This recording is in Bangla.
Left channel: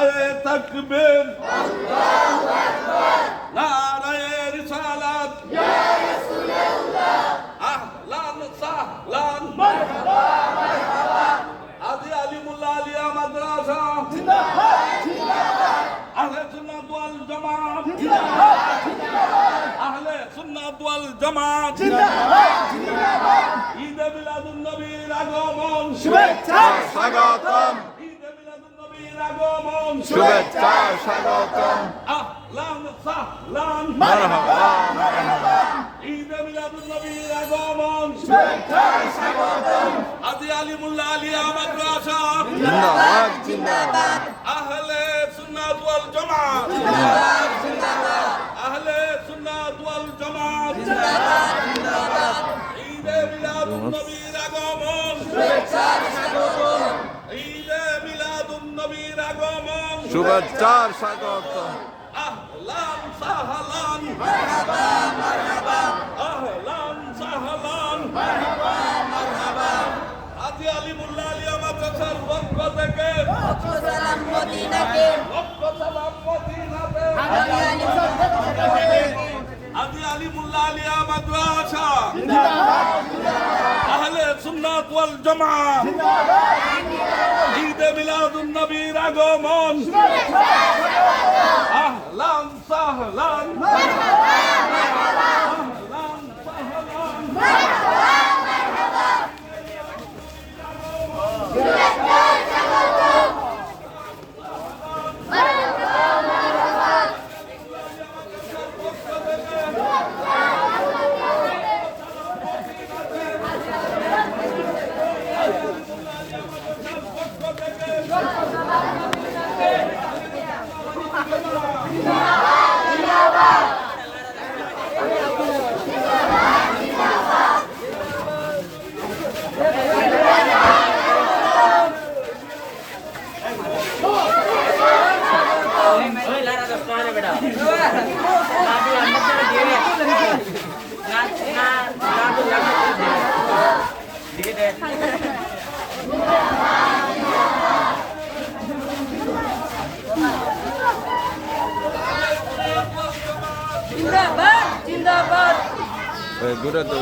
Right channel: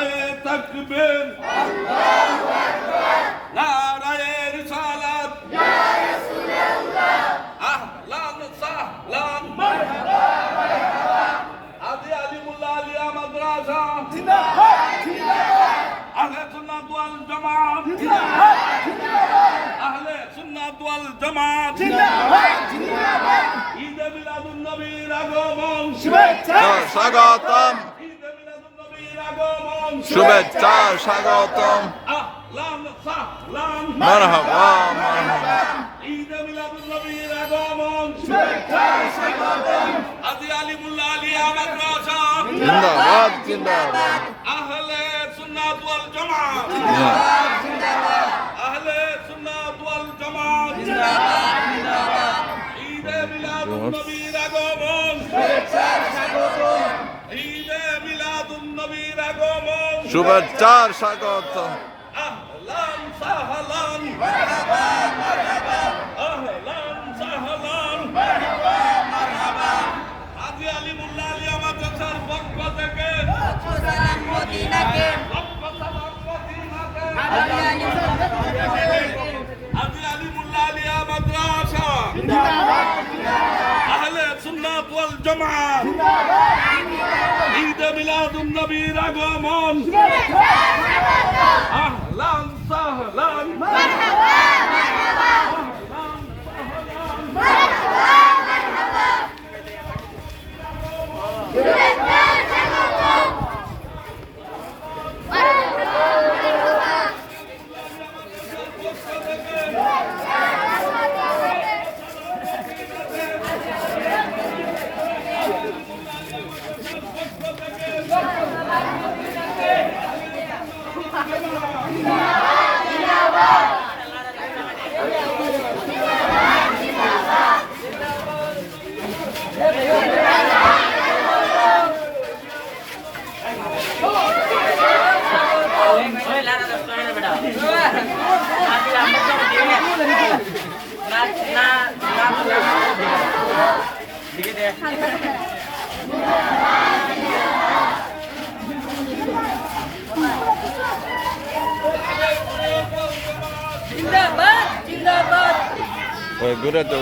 নারায়ে তাকবীর আল্লাহু আকবার নারায়ে রিসালাত ইয়া রাসূলুল্লাহ আহলান সাহলান মারহাবা মারহাবা আজি আলিমুল্লাহ আলিয়া মাদ্রাসা জিন্দাবাদ জিন্দাবাদ আহলে সুন্নাত ওয়াল জামাত জিন্দাবাদ জিন্দাবাদ আহলে সুন্নাত ওয়াল জামাত জিন্দাবাদ জিন্দাবাদ ঈদ মিলাদুন নবীর আগমন শুভেচ্ছা স্বাগতম শুভেচ্ছা স্বাগতম আহলান সাহলান মারহাবা মারহাবা ঈদ মিলাদুন নবীর আগমন শুভেচ্ছা স্বাগতম আজি আলিমুল্লাহ আলিয়া মাদ্রাসা জিন্দাবাদ জিন্দাবাদ আহলে সুন্নাত ওয়াল জামাত জিন্দাবাদ জিন্দাবাদ আহলে সুন্নাত ওয়াল জামাত জিন্দাবাদ জিন্দাবাদ ঈদ মিলাদুন নবীর আগমন শুভেচ্ছা স্বাগতম ঈদ মিলাদুন নবীর আগমন শুভেচ্ছা স্বাগতম আহলান সাহলান মারহাবা মারহাবা আহলান সাহলান মারহাবা মারহাবা আজি আলিমুল্লাহ আলিয়া মাদ্রাসার পক্ষ থেকে সালাম মদিনাকে লক্ষ সালাম মদিনাতে আজি আলিমুল্লাহ আলিয়া মাদ্রাসা জিন্দাবাদ জিন্দাবাদ আহলে সুন্নাত ওয়াল জামাত ঈদ মিলাদুন নবীর আগমন আহলান সাহলান মারহাবা মারহাবা আহলান সাহলান মারহাবা মারহাবা শুভেচ্ছা স্বাগতম মারহাবা মারহাবা জিন্দাবাদ জিন্দাবাদ ঘুরে তো